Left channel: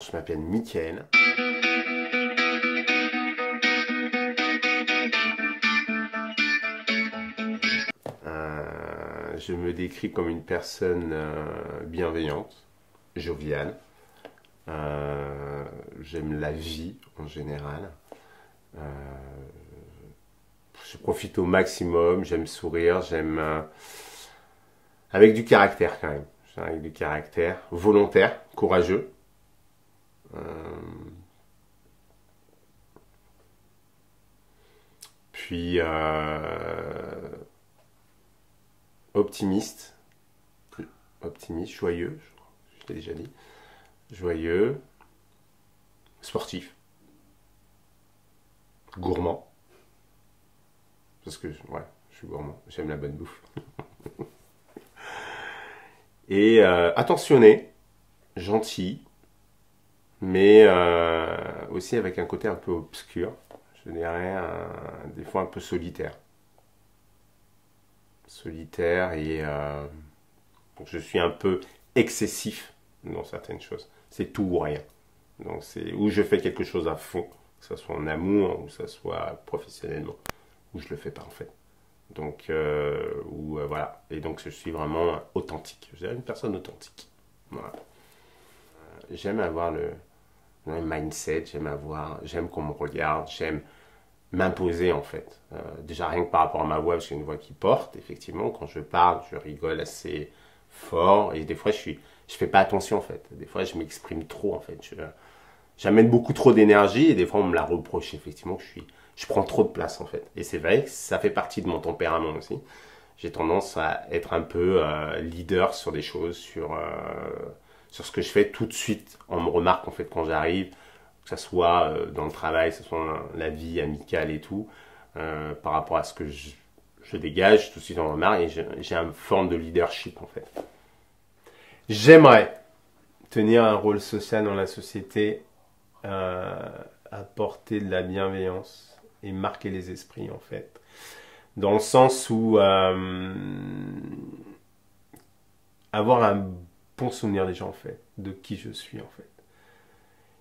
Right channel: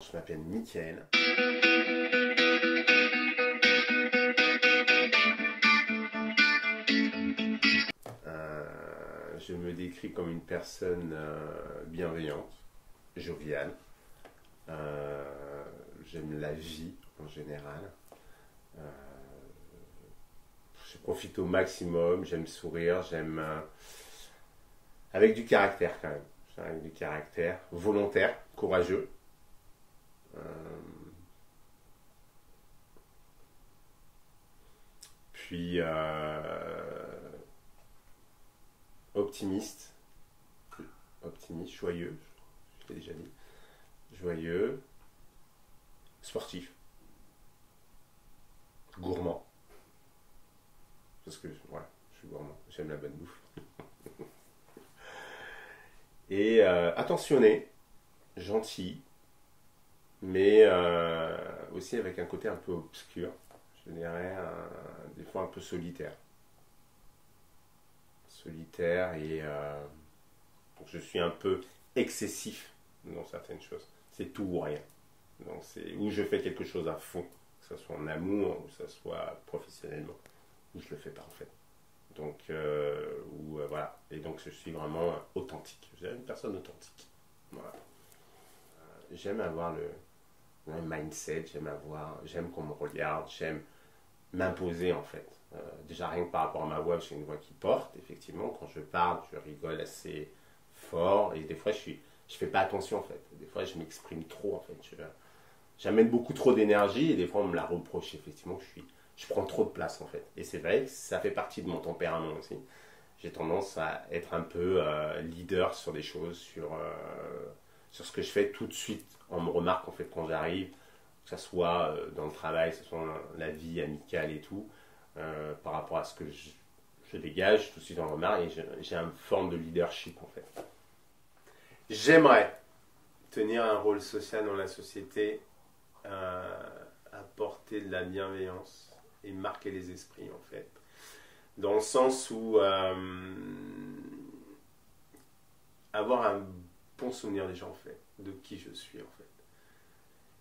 Je m'appelle Mickaël. Je me décris comme une personne bienveillante, joviale. J'aime la vie en général. Euh, je profite au maximum, j'aime sourire, j'aime... avec du caractère quand même. Avec du caractère, volontaire, courageux. Euh, puis optimiste, joyeux, je l'ai déjà dit, joyeux, sportif, gourmand, parce que voilà, je suis gourmand, j'aime la bonne bouffe, et attentionné, gentil, mais aussi avec un côté un peu obscur, je dirais, des fois un peu solitaire. Et je suis un peu excessif dans certaines choses. C'est tout ou rien. Donc c'est où je fais quelque chose à fond, que ce soit en amour ou que ce soit professionnellement, ou je le fais pas en fait. Donc voilà. Et donc je suis vraiment authentique. Je suis une personne authentique. Voilà. J'aime avoir le mindset, j'aime qu'on me regarde, j'aime m'imposer en fait. Déjà rien que par rapport à ma voix, parce que c'est une voix qui porte, effectivement, quand je parle, je rigole assez fort, et des fois je fais pas attention en fait. Des fois je m'exprime trop en fait. J'amène beaucoup trop d'énergie, et des fois on me la reproche effectivement que je prends trop de place en fait. Et c'est vrai que ça fait partie de mon tempérament aussi. J'ai tendance à être un peu leader sur des choses, sur ce que je fais tout de suite. On me remarque en fait quand j'arrive, que ce soit dans le travail, que ce soit dans la vie amicale et tout, par rapport à ce que je dégage, tout de suite on me remarque et j'ai une forme de leadership en fait. J'aimerais tenir un rôle social dans la société, apporter de la bienveillance et marquer les esprits en fait. Dans le sens où avoir un bon souvenir des gens en fait, de qui je suis en fait.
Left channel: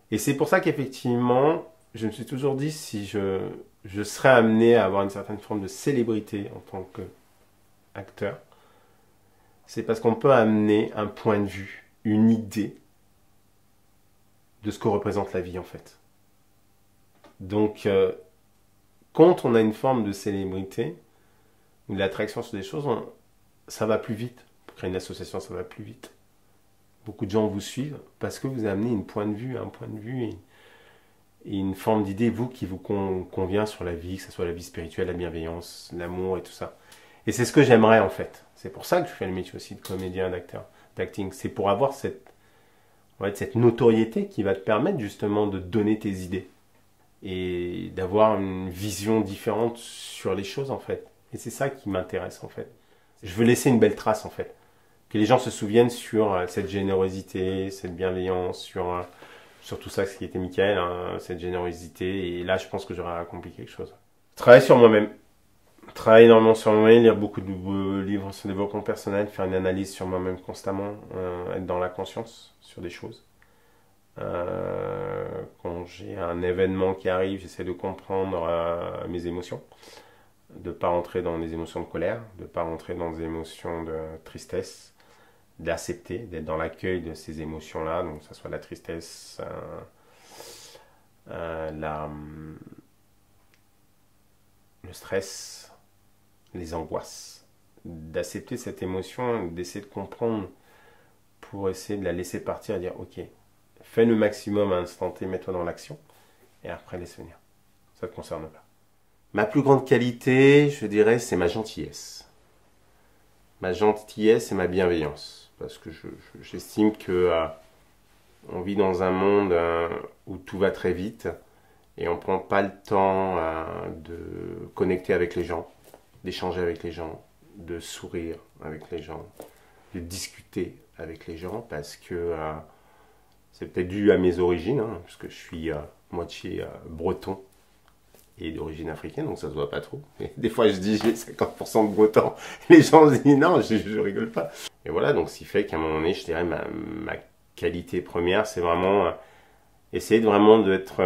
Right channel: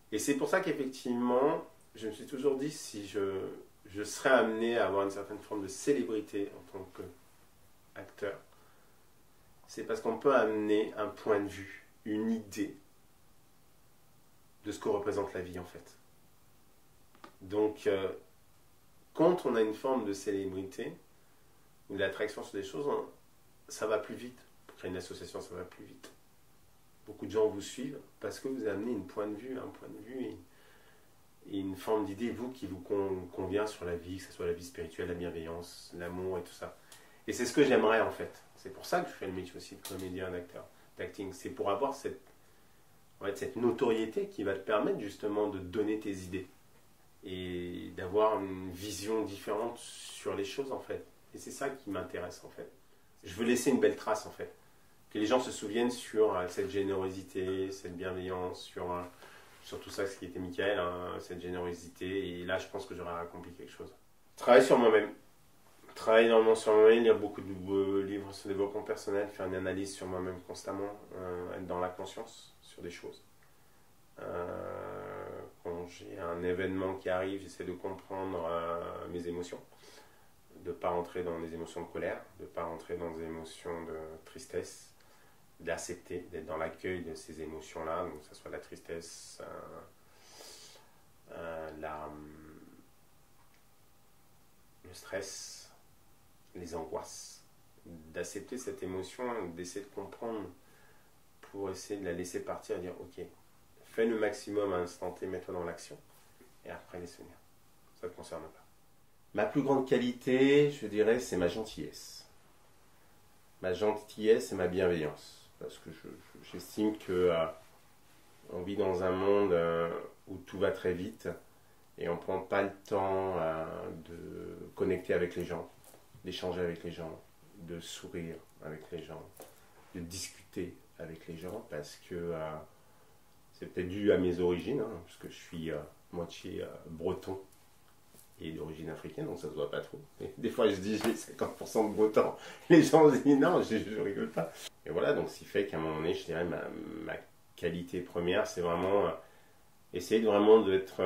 Et c'est pour ça qu'effectivement, je me suis toujours dit si je serais amené à avoir une certaine forme de célébrité en tant qu'acteur, c'est parce qu'on peut amener un point de vue, une idée de ce que représente la vie en fait. Donc, quand on a une forme de célébrité ou de l'attraction sur des choses, ça va plus vite. Pour créer une association, ça va plus vite. Beaucoup de gens vous suivent parce que vous amenez un point de vue et une forme d'idée, vous, qui vous convient sur la vie, que ce soit la vie spirituelle, la bienveillance, l'amour et tout ça. Et c'est ce que j'aimerais en fait. C'est pour ça que je fais le métier aussi de comédien, d'acteur, d'acting. C'est pour avoir cette notoriété qui va te permettre justement de donner tes idées et d'avoir une vision différente sur les choses en fait. Et c'est ça qui m'intéresse en fait. Je veux laisser une belle trace en fait. Que les gens se souviennent sur cette générosité, cette bienveillance, sur tout ça, ce qui était Mickaël, hein, cette générosité. Et là, je pense que j'aurais accompli quelque chose. Travailler sur moi-même. Travailler énormément sur moi-même, lire beaucoup de livres sur le développement personnel, faire une analyse sur moi-même constamment, être dans la conscience sur des choses. Quand j'ai un événement qui arrive, j'essaie de comprendre mes émotions, de ne pas rentrer dans des émotions de colère, de ne pas rentrer dans des émotions de tristesse, d'accepter, d'être dans l'accueil de ces émotions-là, donc que ce soit la tristesse, le stress, les angoisses, d'accepter cette émotion, d'essayer de comprendre pour essayer de la laisser partir et dire ok, fais le maximum à l'instant T, mets-toi dans l'action et après laisse venir. Ça ne te concerne pas. Ma plus grande qualité, je dirais, c'est ma gentillesse. Ma gentillesse et ma bienveillance. Parce que j'estime que on vit dans un monde où tout va très vite et on ne prend pas le temps de connecter avec les gens, d'échanger avec les gens, de sourire avec les gens, de discuter avec les gens parce que c'est peut-être dû à mes origines, hein, parce que je suis moitié breton et d'origine africaine, donc ça se voit pas trop. Et des fois, je dis j'ai 50% de breton. Les gens se disent non, je rigole pas. Et voilà, donc ce qui fait qu'à un moment donné, je dirais ma qualité première, c'est vraiment Essayer de vraiment d'être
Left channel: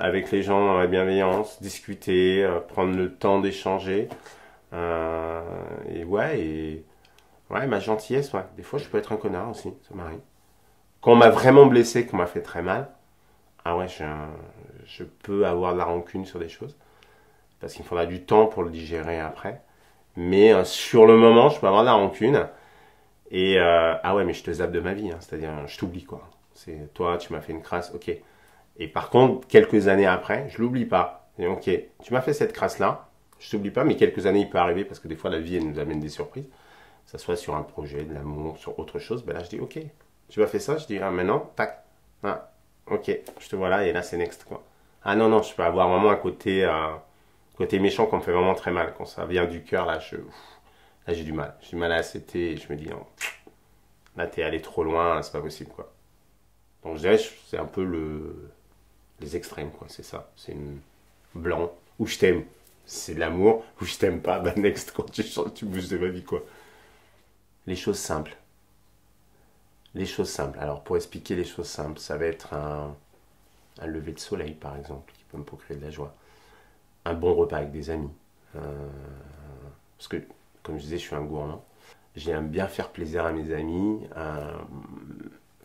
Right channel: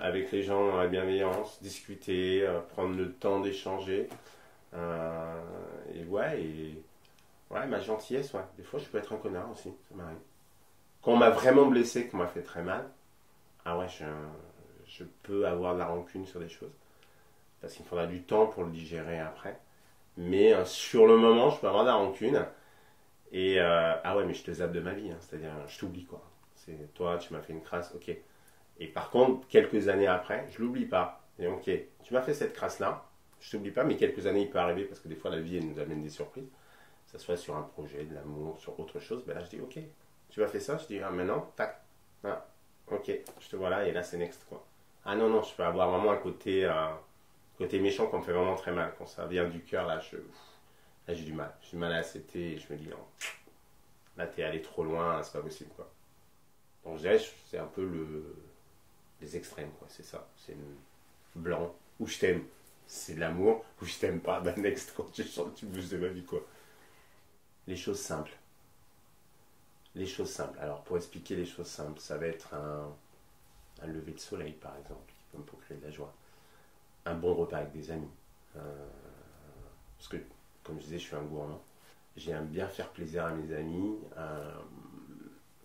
avec les gens dans la bienveillance, discuter, prendre le temps d'échanger. Euh, ouais, ma gentillesse, ouais. Des fois, je peux être un connard aussi, ça m'arrive. Quand on m'a vraiment blessé, qu'on m'a fait très mal, ah ouais, je peux avoir de la rancune sur des choses. Parce qu'il me faudra du temps pour le digérer après. Mais sur le moment, je peux avoir de la rancune. Et ah ouais, mais je te zappe de ma vie, hein. C'est-à-dire, je t'oublie quoi. C'est toi, tu m'as fait une crasse, ok. Et par contre, quelques années après, je l'oublie pas. Et ok, tu m'as fait cette crasse-là, je t'oublie pas, mais quelques années, il peut arriver parce que des fois, la vie, elle nous amène des surprises. Que ça soit sur un projet, de l'amour, sur autre chose. Ben là, je dis ok, tu m'as fait ça, je dis ah, maintenant, tac, ah, ok, je te vois là, et là, c'est next quoi. Ah non, non, je peux avoir vraiment un côté méchant qu'on me fait vraiment très mal. Quand ça vient du cœur, là j'ai du mal. J'ai du mal à accepter et je me dis non, là, t'es allé trop loin, c'est pas possible quoi. Donc je dirais, c'est un peu les extrêmes, quoi, c'est ça. C'est une blanc, ou je t'aime, c'est de l'amour, ou je t'aime pas, bah next, quand tu chantes, tu bouges de ma vie, quoi. Les choses simples. Les choses simples. Alors, pour expliquer les choses simples, ça va être un lever de soleil, par exemple, qui peut me procurer de la joie. Un bon repas avec des amis. Parce que, comme je disais, je suis un gourmand. J'aime bien faire plaisir à mes amis,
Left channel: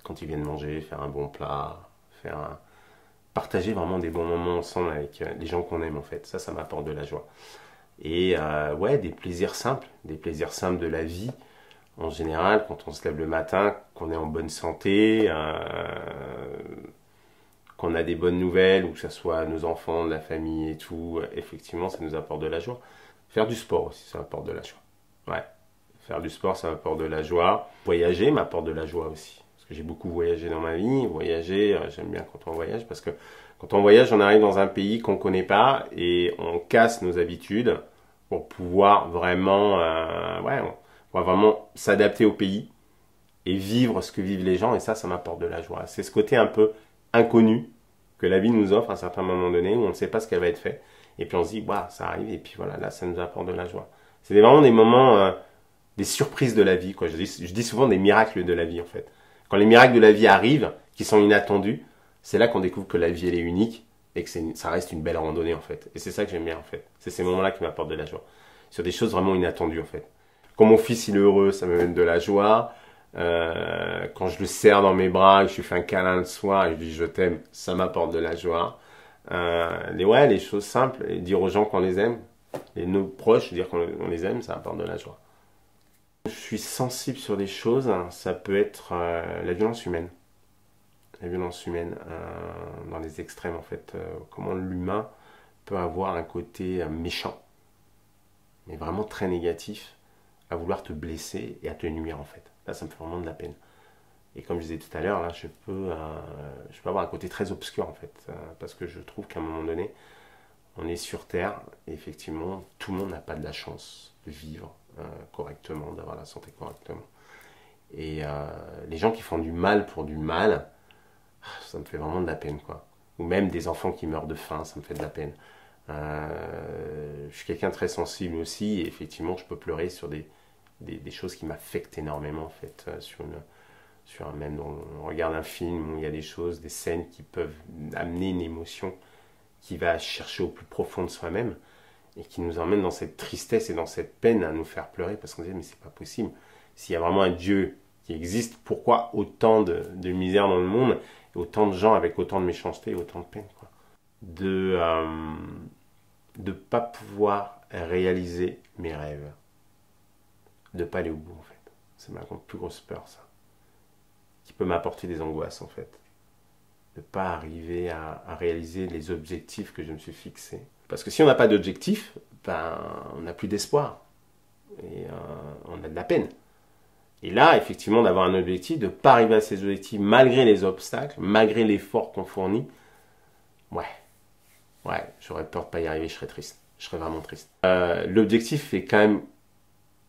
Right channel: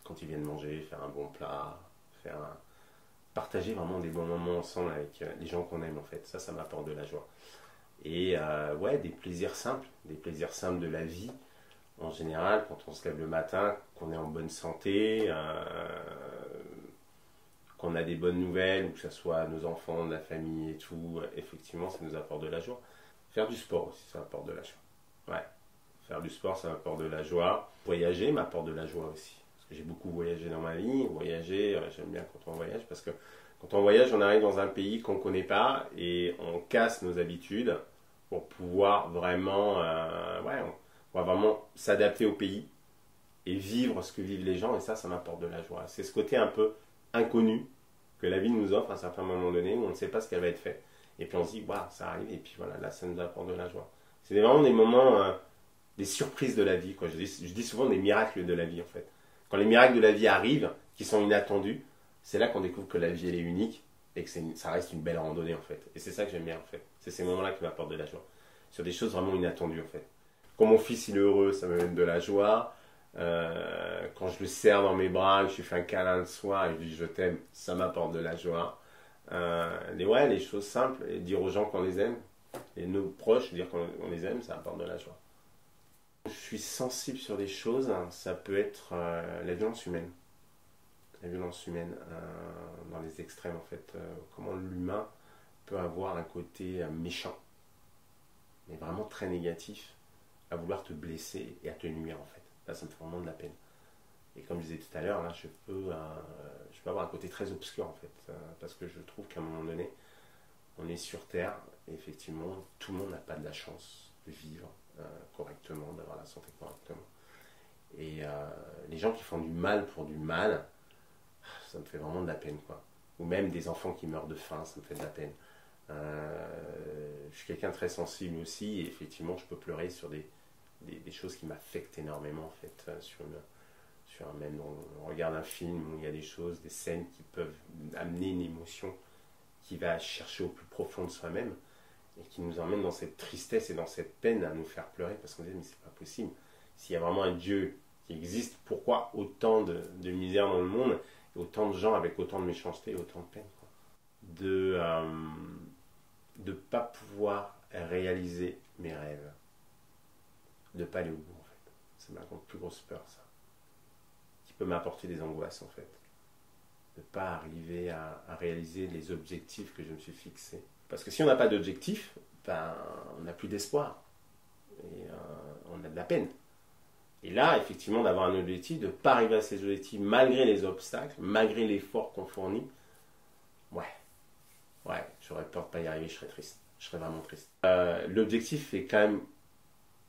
quand ils viennent manger, faire un bon plat, partager vraiment des bons moments ensemble avec les gens qu'on aime en fait. Ça m'apporte de la joie. Et ouais, des plaisirs simples de la vie. En général, quand on se lève le matin, qu'on est en bonne santé, qu'on a des bonnes nouvelles, ou que ce soit nos enfants, la famille et tout, effectivement, ça nous apporte de la joie. Faire du sport aussi, ça apporte de la joie. Ouais, faire du sport, ça m'apporte de la joie. Voyager m'apporte de la joie aussi. Parce que j'ai beaucoup voyagé dans ma vie. Voyager, j'aime bien quand on voyage, parce que quand on voyage, on arrive dans un pays qu'on ne connaît pas et on casse nos habitudes pour pouvoir vraiment, ouais, on va vraiment s'adapter au pays et vivre ce que vivent les gens. Et ça m'apporte de la joie. C'est ce côté un peu inconnu que la vie nous offre à un certain moment donné où on ne sait pas ce qu'elle va être fait. Et puis on se dit, waouh, ça arrive. Et puis voilà, là, ça nous apporte de la joie. C'est vraiment des moments, des surprises de la vie, quoi. Je dis souvent des miracles de la vie, en fait. Quand les miracles de la vie arrivent, qui sont inattendus, c'est là qu'on découvre que la vie, elle est unique et que ça reste une belle randonnée, en fait. Et c'est ça que j'aime bien, en fait. C'est ces moments-là qui m'apportent de la joie. Sur des choses vraiment inattendues, en fait. Quand mon fils, il est heureux, ça me donne de la joie. Quand je le serre dans mes bras, je lui fais un câlin le soir et je lui dis je t'aime, ça m'apporte de la joie. Ouais, les choses simples, et dire aux gens qu'on les aime, et nos proches, dire qu'on les aime, ça apporte de la joie. Je suis sensible sur des choses, hein. Ça peut être la violence humaine. La violence humaine dans les extrêmes en fait. Comment l'humain peut avoir un côté méchant, mais vraiment très négatif, à vouloir te blesser et à te nuire en fait. Là, ça me fait vraiment de la peine. Et comme je disais tout à l'heure, là, je peux avoir un côté très obscur en fait, parce que je trouve qu'à un moment donné, on est sur Terre et effectivement, tout le monde n'a pas de la chance de vivre correctement, d'avoir la santé correctement. Et les gens qui font du mal pour du mal, ça me fait vraiment de la peine, quoi. Ou même des enfants qui meurent de faim, ça me fait de la peine. Je suis quelqu'un de très sensible aussi, et effectivement, je peux pleurer sur des choses qui m'affectent énormément, en fait, même on regarde un film où il y a des choses, des scènes qui peuvent amener une émotion qui va chercher au plus profond de soi-même et qui nous emmène dans cette tristesse et dans cette peine à nous faire pleurer parce qu'on se dit mais c'est pas possible. S'il y a vraiment un Dieu qui existe, pourquoi autant de misère dans le monde et autant de gens avec autant de méchanceté et autant de peine, quoi. De pas pouvoir réaliser mes rêves, de pas aller au bout en fait. C'est ma plus grosse peur, ça, qui peut m'apporter des angoisses en fait. De pas arriver à réaliser les objectifs que je me suis fixés. Parce que si on n'a pas d'objectif, ben, on n'a plus d'espoir. Et on a de la peine. Et là, effectivement, d'avoir un objectif, de ne pas arriver à ces objectifs malgré les obstacles, malgré l'effort qu'on fournit, ouais, j'aurais peur de ne pas y arriver, je serais triste. Je serais vraiment triste. L'objectif est quand même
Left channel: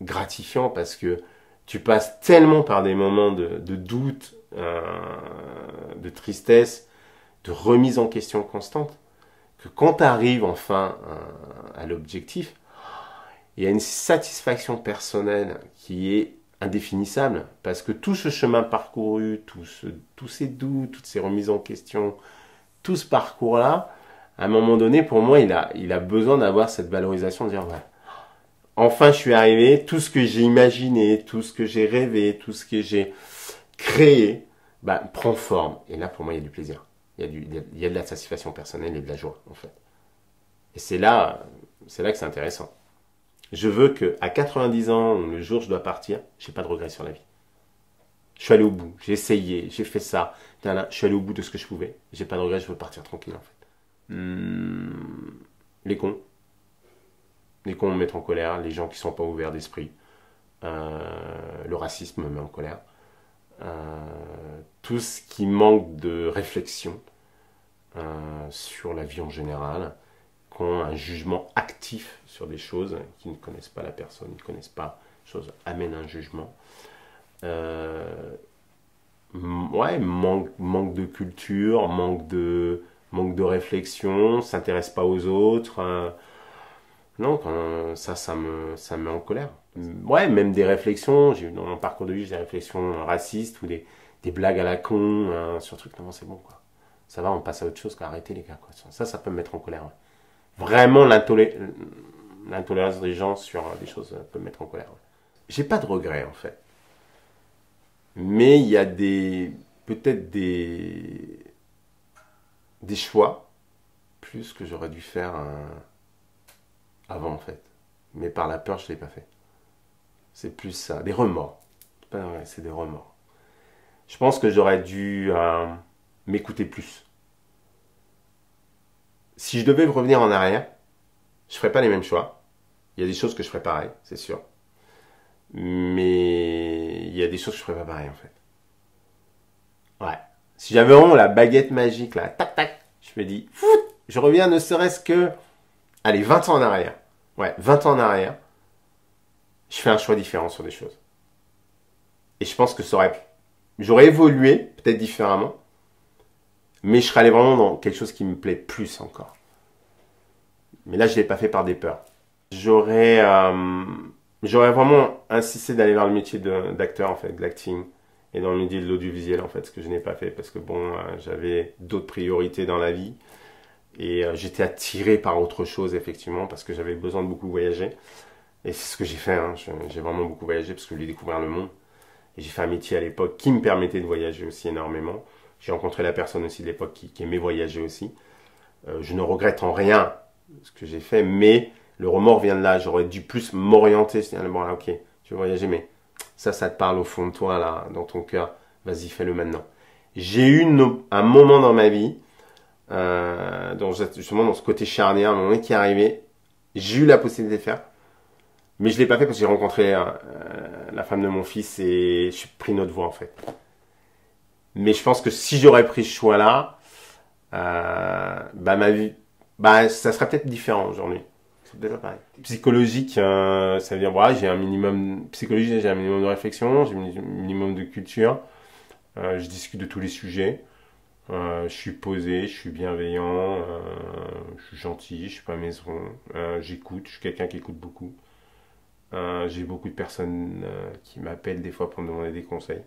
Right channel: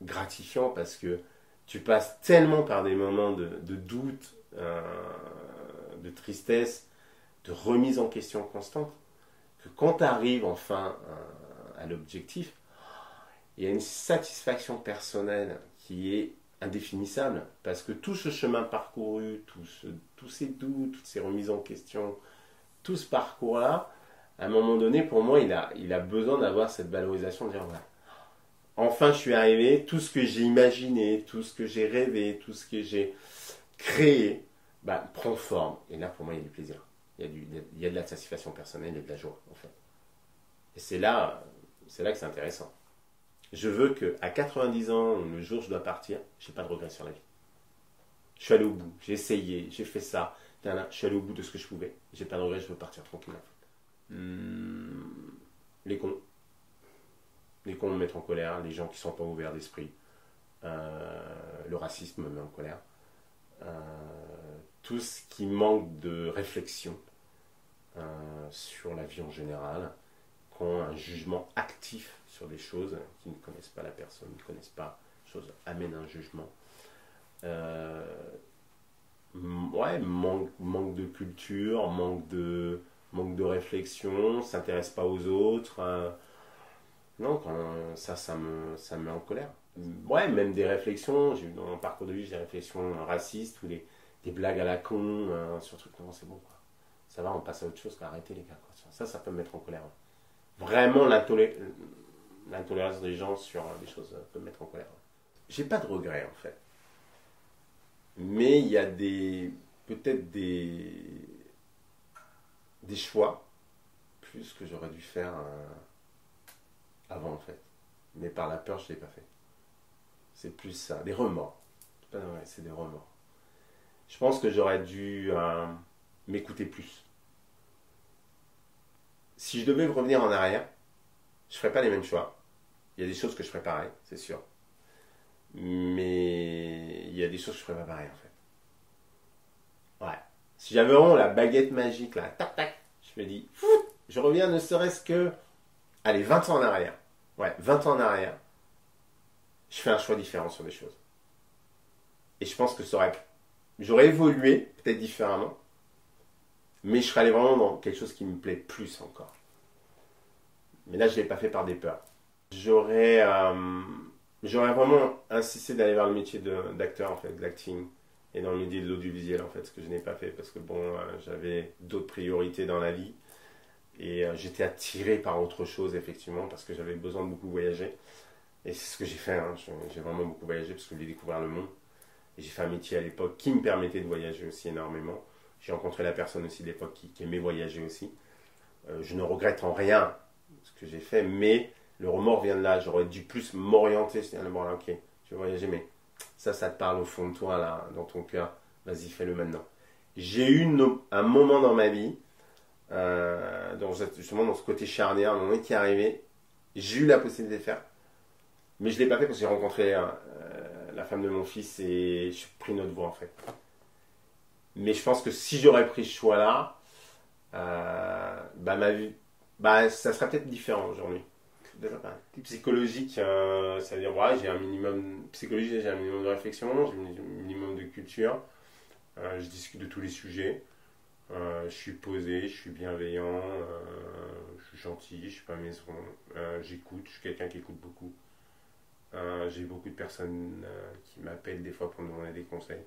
gratifiant parce que tu passes tellement par des moments de doute, de tristesse, de remise en question constante, que quand tu arrives enfin à l'objectif, il y a une satisfaction personnelle qui est indéfinissable, parce que tout ce chemin parcouru, tous ces doutes, toutes ces remises en question, tout ce parcours-là, à un moment donné, pour moi, il a besoin d'avoir cette valorisation, de dire, ouais, enfin, je suis arrivé, tout ce que j'ai imaginé, tout ce que j'ai rêvé, tout ce que j'ai créé, bah, prend forme. Et là, pour moi, il y a du plaisir. Il y a de la satisfaction personnelle et de la joie, en fait. Et c'est là que c'est intéressant. Je veux qu'à 90 ans, le jour où je dois partir, je n'ai pas de regrets sur la vie. Je suis allé au bout, j'ai essayé, j'ai fait ça. Je suis allé au bout de ce que je pouvais. J'ai pas de regrets, je veux partir tranquille, en fait. Les cons. Les cons me mettent en colère, les gens qui sont pas ouverts d'esprit. Le racisme me met en colère. Tout ce qui manque de réflexion sur la vie en général, qui ont un jugement actif sur des choses, qui ne connaissent pas la personne, qui ne connaissent pas les choses, amènent un jugement. Ouais, manque de culture, manque de réflexion, s'intéresse pas aux autres. Non, ça me met en colère. Ouais, même des réflexions, j'ai eu dans mon parcours de vie des réflexions racistes ou des blagues à la con, sur truc, non, c'est bon, quoi. Ça va, on passe à autre chose, quoi. Arrêtez les gars, quoi. Ça peut me mettre en colère. Ouais. Vraiment, l'intolérance des gens sur des choses peut me mettre en colère. Ouais. J'ai pas de regrets, en fait. Mais il y a peut-être des choix, plus que j'aurais dû faire avant, en fait. Mais par la peur, je ne l'ai pas fait. C'est plus ça, des remords. C'est des remords. Je pense que j'aurais dû m'écouter plus. Si je devais revenir en arrière, je ne ferais pas les mêmes choix. Il y a des choses que je ferais pareil, c'est sûr. Mais il y a des choses que je ferais pas pareil, en fait. Ouais. Si j'avais vraiment la baguette magique, là, tac, tac, je me dis, je reviens ne serait-ce que, allez, 20 ans en arrière. Ouais, 20 ans en arrière. Je fais un choix différent sur des choses. Et je pense que j'aurais évolué, peut-être différemment, mais je serais allé vraiment dans quelque chose qui me plaît plus encore. Mais là, je ne l'ai pas fait par des peurs. J'aurais vraiment insisté d'aller vers le métier d'acteur, en fait, d'acting, et dans le métier de l'audiovisuel, en fait, ce que je n'ai pas fait, parce que bon, j'avais d'autres priorités dans la vie, et j'étais attiré par autre chose, effectivement, parce que j'avais besoin de beaucoup voyager. Et c'est ce que j'ai fait, hein. J'ai vraiment beaucoup voyagé, parce que je voulais découvrir le monde. Et j'ai fait un métier à l'époque qui me permettait de voyager aussi énormément. J'ai rencontré la personne aussi de l'époque qui aimait voyager aussi. Je ne regrette en rien ce que j'ai fait, mais le remords vient de là. J'aurais dû plus m'orienter. C'est-à-dire, bon, là, ok, tu veux voyager, mais ça te parle au fond de toi, là, dans ton cœur. Vas-y, fais-le maintenant. J'ai eu un moment dans ma vie, justement dans ce côté charnière, un moment qui est arrivé. J'ai eu la possibilité de faire. Mais je ne l'ai pas fait parce que j'ai rencontré la femme de mon fils et j'ai pris une autre voie, en fait. Mais je pense que si j'aurais pris ce choix-là, ma vie, ça serait peut-être différent aujourd'hui. C'est déjà pareil. Psychologique, ça veut dire, voilà, j'ai un minimum psychologique, j'ai un minimum de réflexion, j'ai un minimum de culture. Je discute de tous les sujets. Je suis posé, je suis bienveillant, je suis gentil, je suis pas maison. J'écoute, je suis quelqu'un qui écoute beaucoup. J'ai beaucoup de personnes qui m'appellent des fois pour me demander des conseils.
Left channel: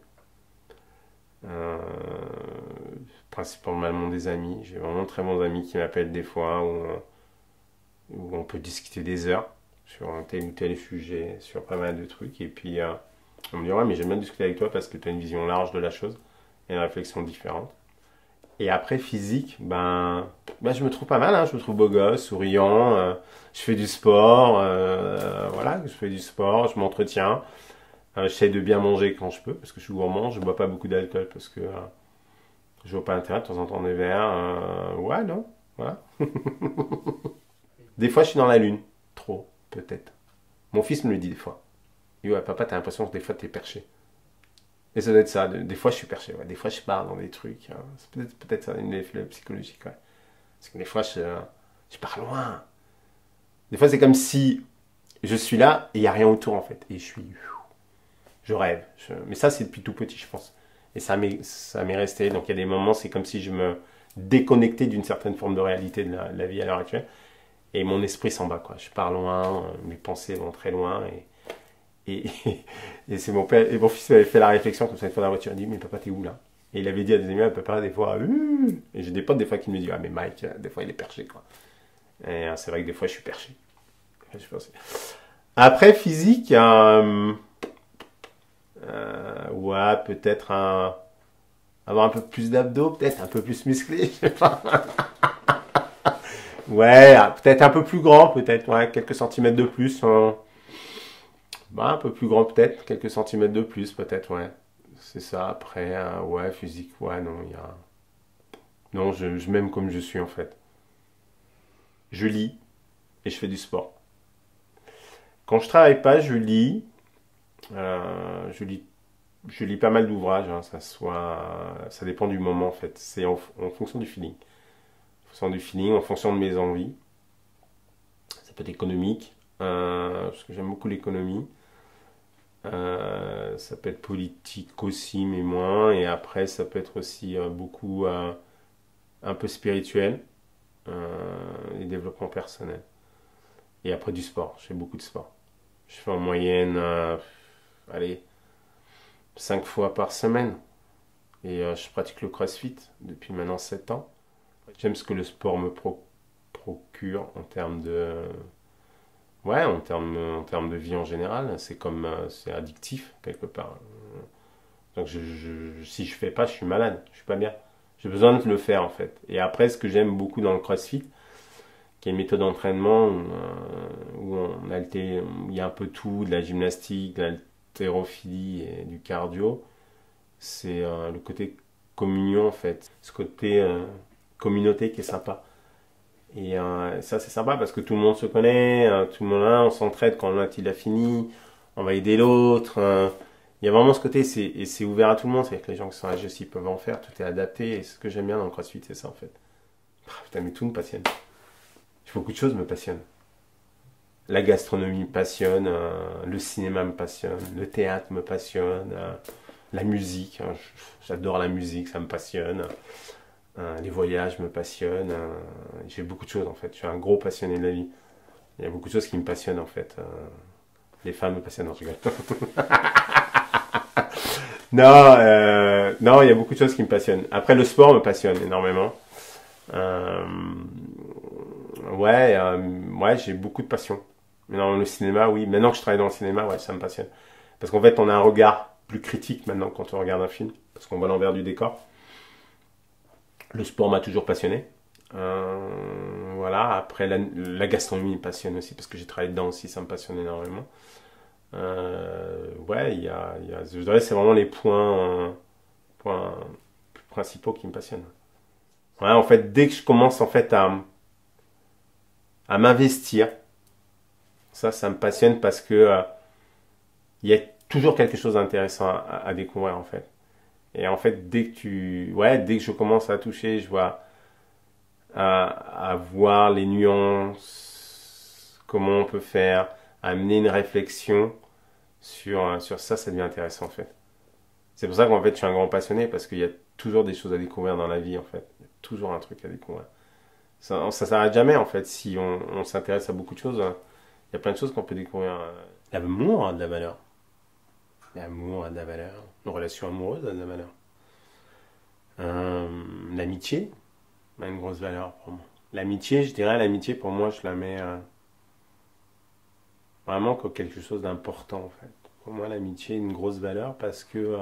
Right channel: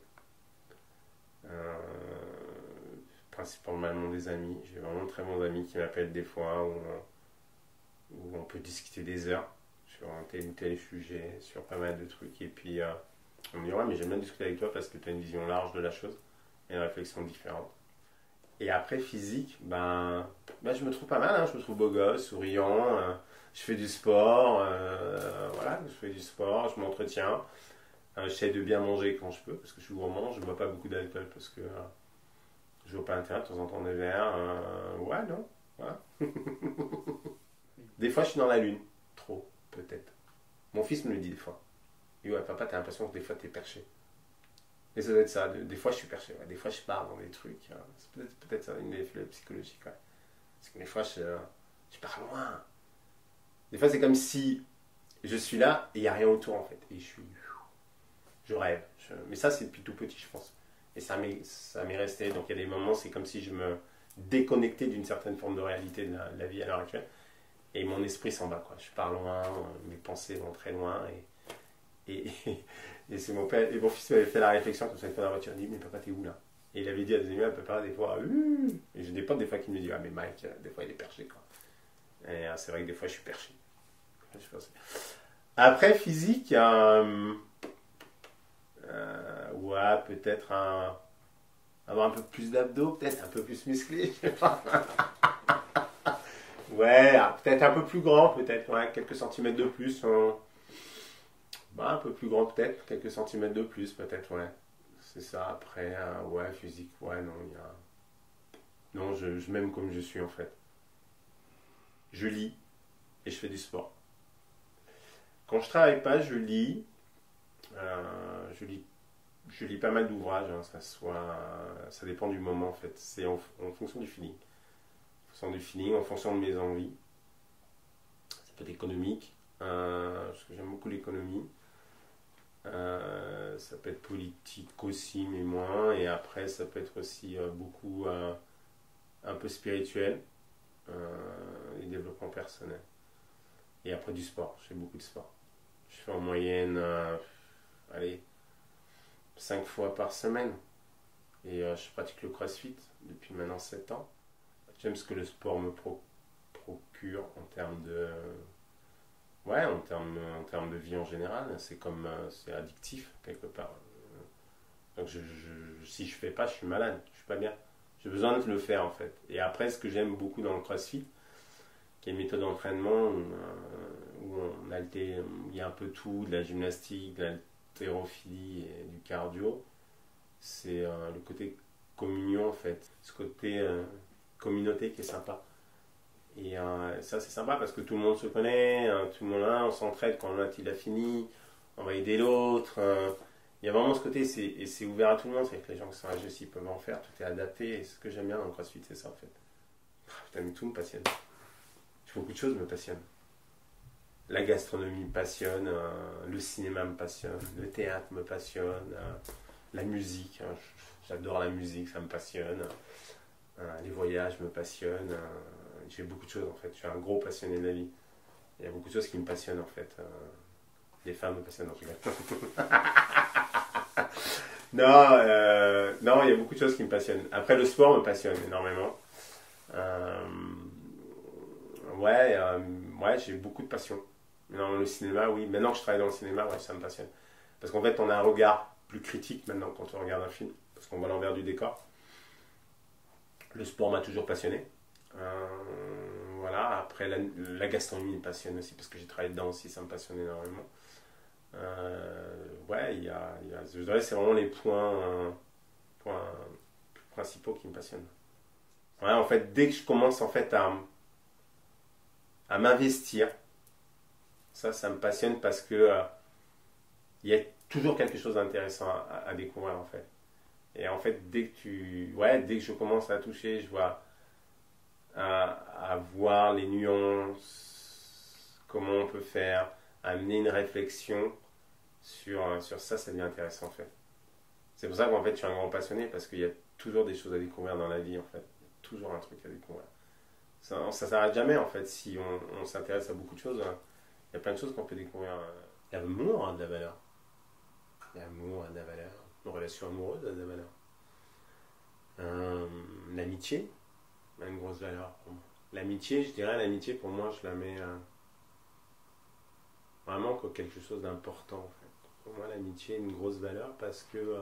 Principalement des amis. J'ai vraiment de très bons amis qui m'appellent des fois où on peut discuter des heures sur un tel ou tel sujet, sur pas mal de trucs. Et puis on me dit ouais, mais j'aime bien discuter avec toi parce que tu as une vision large de la chose et une réflexion différente. Et après, physique, je me trouve pas mal, hein. Je me trouve beau gosse, souriant, je fais du sport, voilà, je fais du sport, je m'entretiens. J'essaie de bien manger quand je peux, parce que je suis gourmand, je bois pas beaucoup d'alcool, parce que je vois pas l'intérêt, de temps en temps des verres, ouais, non, voilà. Des fois, je suis dans la lune, trop, peut-être. Mon fils me le dit des fois. Il dit, ouais, papa, t'as l'impression que des fois t'es perché. Et ça doit être ça. Des fois, je suis perché. Ouais. Des fois, je pars dans des trucs. C'est peut-être ça, une effet psychologique. Ouais. Parce que des fois, je pars loin. Des fois, c'est comme si je suis là et il n'y a rien autour, en fait. Et je rêve. Mais ça, c'est depuis tout petit, je pense. Et ça m'est resté. Donc, il y a des moments, c'est comme si je me déconnectais d'une certaine forme de réalité de la vie à l'heure actuelle. Et mon esprit s'en va, quoi. Je pars loin, mes pensées vont très loin. Et c'est mon père et mon fils m'avait fait la réflexion comme ça une fois dans la voiture. Il dit mais papa t'es où là? Et il avait dit à des amis à papa des fois, et j'ai des potes des fois qui me disent, ah mais Mike, des fois il est perché quoi. Et c'est vrai que des fois je suis perché. Après physique, ouais, peut-être avoir un peu plus d'abdos, peut-être un peu plus musclé, je sais pas. Ouais, peut-être un peu plus grand, peut-être, ouais, quelques centimètres de plus. Bah, un peu plus grand, peut-être, quelques centimètres de plus, peut-être, ouais. C'est ça, après, ouais, physique, ouais, non, il y a. Non, je m'aime comme je suis, en fait. Je lis et je fais du sport. Quand je travaille pas, je lis. Je lis, je lis pas mal d'ouvrages, hein, ça dépend du moment, en fait. C'est en fonction du feeling. En fonction du feeling, en fonction de mes envies. Ça peut être économique, parce que j'aime beaucoup l'économie. Ça peut être politique aussi, mais moins. Et après, ça peut être aussi beaucoup un peu spirituel et développement personnel. Et après, du sport. Je fais beaucoup de sport. Je fais en moyenne, allez, 5 fois par semaine. Et je pratique le CrossFit depuis maintenant 7 ans. J'aime ce que le sport me procure en termes de. Ouais, en termes de vie en général. C'est comme. C'est addictif, quelque part. Donc si je fais pas, je suis malade, je suis pas bien. J'ai besoin de le faire en fait. Et après, ce que j'aime beaucoup dans le CrossFit, qui est une méthode d'entraînement où il y a un peu tout, de la gymnastique, de l'haltérophilie et du cardio, c'est le côté communion en fait, ce côté communauté qui est sympa. Et ça c'est sympa parce que tout le monde se connaît, tout le monde on s'entraide quand l'un il a fini, on va aider l'autre. Il y a vraiment ce côté, et c'est ouvert à tout le monde, c'est que les gens qui sont âgés aussi peuvent en faire, tout est adapté, et ce que j'aime bien dans le CrossFit, c'est ça en fait. Putain, mais tout me passionne. Beaucoup de choses me passionnent. La gastronomie me passionne, le cinéma me passionne, le théâtre me passionne, la musique, hein, j'adore la musique, ça me passionne, les voyages me passionnent, j'ai beaucoup de choses en fait, je suis un gros passionné de la vie. Il y a beaucoup de choses qui me passionnent en fait. Les femmes me passionnent, non, je rigole. Non, non, il y a beaucoup de choses qui me passionnent. Après, le sport me passionne énormément. Euh, ouais, ouais, j'ai beaucoup de passion. Mais dans le cinéma, oui. Maintenant que je travaille dans le cinéma, ouais, ça me passionne. Parce qu'en fait, on a un regard plus critique maintenant quand on regarde un film. Parce qu'on voit l'envers du décor. Le sport m'a toujours passionné. Voilà. Après, la gastronomie me passionne aussi. Parce que j'ai travaillé dedans aussi, ça me passionne énormément. Ouais, je dirais que c'est vraiment les points principaux qui me passionnent. Ouais, en fait, dès que je commence en fait à m'investir, ça me passionne parce que il y a toujours quelque chose d'intéressant à découvrir en fait. Et en fait, dès que je commence à toucher, je vois à voir les nuances, comment on peut faire, amener une réflexion sur ça, ça devient intéressant en fait. C'est pour ça qu'en fait, je suis un grand passionné parce qu'il y a toujours des choses à découvrir dans la vie en fait. Il y a toujours un truc à découvrir. Ça s'arrête jamais en fait. Si on s'intéresse à beaucoup de choses, il y a plein de choses qu'on peut découvrir. L'amour a de la valeur. L'amour a de la valeur. Une relation amoureuse a de la valeur. L'amitié a une grosse valeur pour moi. L'amitié, je dirais, l'amitié pour moi, je la mets vraiment comme quelque chose d'important en fait. Pour moi, l'amitié a une grosse valeur parce que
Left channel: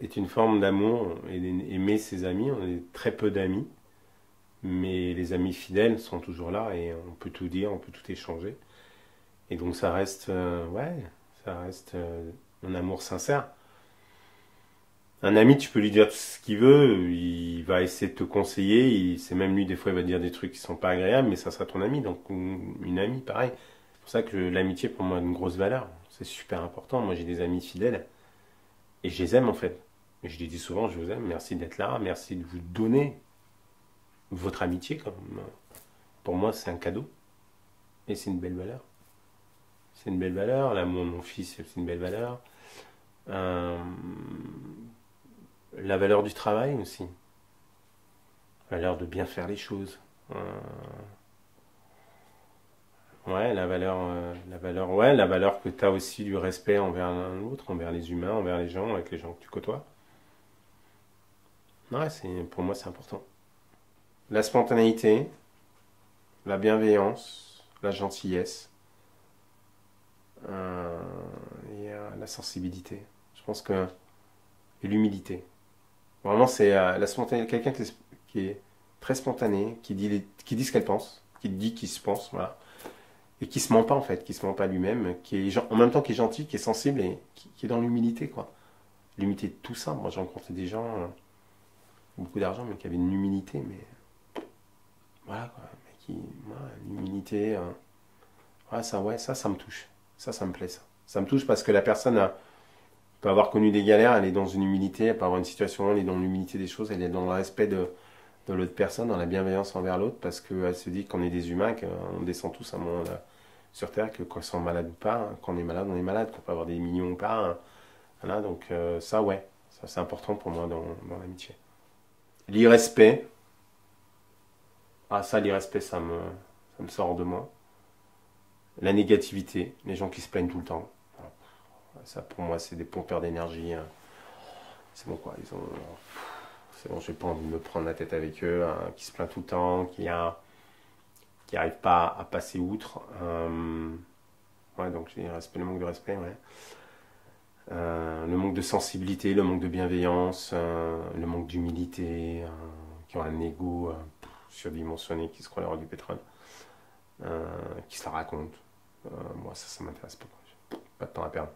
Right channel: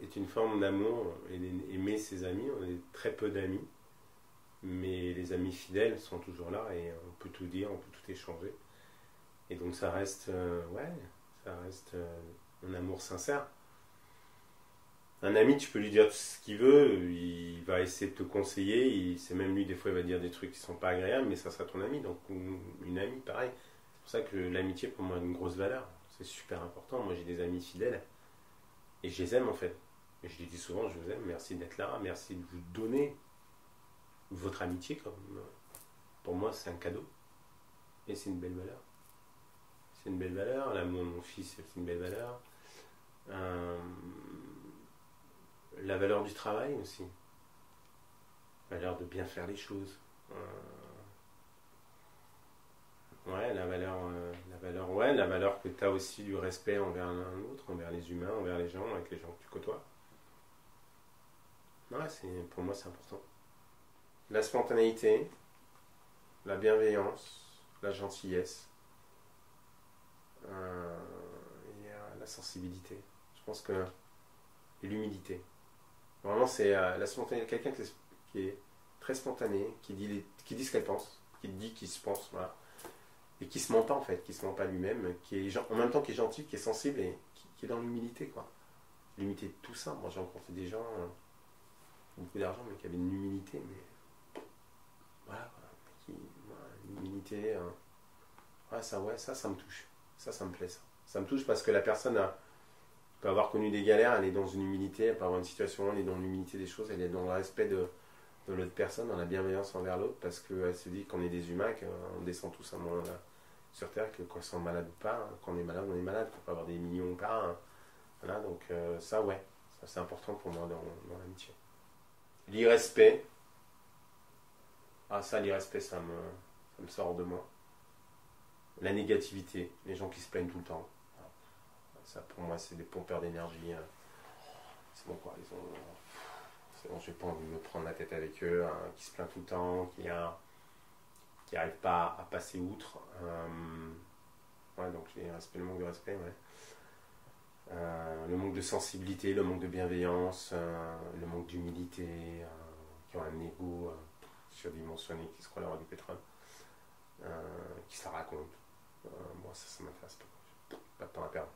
est une forme d'amour et d'aimer ses amis. On est très peu d'amis, mais les amis fidèles sont toujours là et on peut tout dire, on peut tout échanger. Et donc ça reste, ouais, ça reste un amour sincère. Un ami, tu peux lui dire tout ce qu'il veut, il va essayer de te conseiller, c'est même lui, des fois, il va te dire des trucs qui sont pas agréables, mais ça sera ton ami, donc une amie, pareil. C'est pour ça que l'amitié, pour moi, a une grosse valeur. C'est super important. Moi, j'ai des amis fidèles et je les aime en fait. Et je les dis souvent, je vous aime, merci d'être là, merci de vous donner votre amitié. Pour moi, c'est un cadeau et c'est une belle valeur. C'est une belle valeur. L'amour de mon fils, c'est une belle valeur. Euh, la valeur du travail aussi. La valeur de bien faire les choses. Ouais, ouais, la valeur que tu as aussi du respect envers l'autre, envers les humains, envers les gens, avec les gens que tu côtoies. Ouais, pour moi, c'est important. La spontanéité, la bienveillance, la gentillesse, euh, et la sensibilité. Je pense que. Et l'humilité. Vraiment, c'est quelqu'un qui est très spontané, qui dit ce qu'elle pense, qui dit qui se pense, voilà. Et qui se ment pas en fait, qui se ment pas lui-même, en même temps qui est gentil, qui est sensible et qui est dans l'humilité quoi. L'humilité de tout ça. Moi j'ai rencontré des gens, beaucoup d'argent, mais qui avaient une humilité, mais voilà quoi. Voilà, l'humilité, ouais, ça me touche. Ça me plaît ça. Ça me touche parce que la personne peut avoir connu des galères, elle est dans une humilité, elle peut avoir une situation, elle est dans l'humilité des choses, elle est dans le respect de l'autre personne, dans la bienveillance envers l'autre, parce qu'elle se dit qu'on est des humains, qu'on descend tous à un moment là, sur Terre, que qu'on soit malade ou pas, hein, quand on est malade, qu'on peut avoir des millions ou pas. Hein. Voilà, donc ça, ouais, ça c'est important pour moi dans l'amitié. L'irrespect, l'irrespect, ça me sort de moi. La négativité, les gens qui se plaignent tout le temps. Ça, pour moi, c'est des pompeurs d'énergie. Hein. C'est bon, quoi. C'est bon, j'ai pas envie de me prendre la tête avec eux, hein, qui se plaignent tout le temps, qui arrivent pas à passer outre. Ouais, donc j'ai le manque de respect, ouais. Le manque de sensibilité, le manque de bienveillance, le manque d'humilité, qui ont un ego surdimensionné, qui se croient l'heure du pétrole, qui se la racontent. Moi, ça m'intéresse pas. Pas de temps à perdre.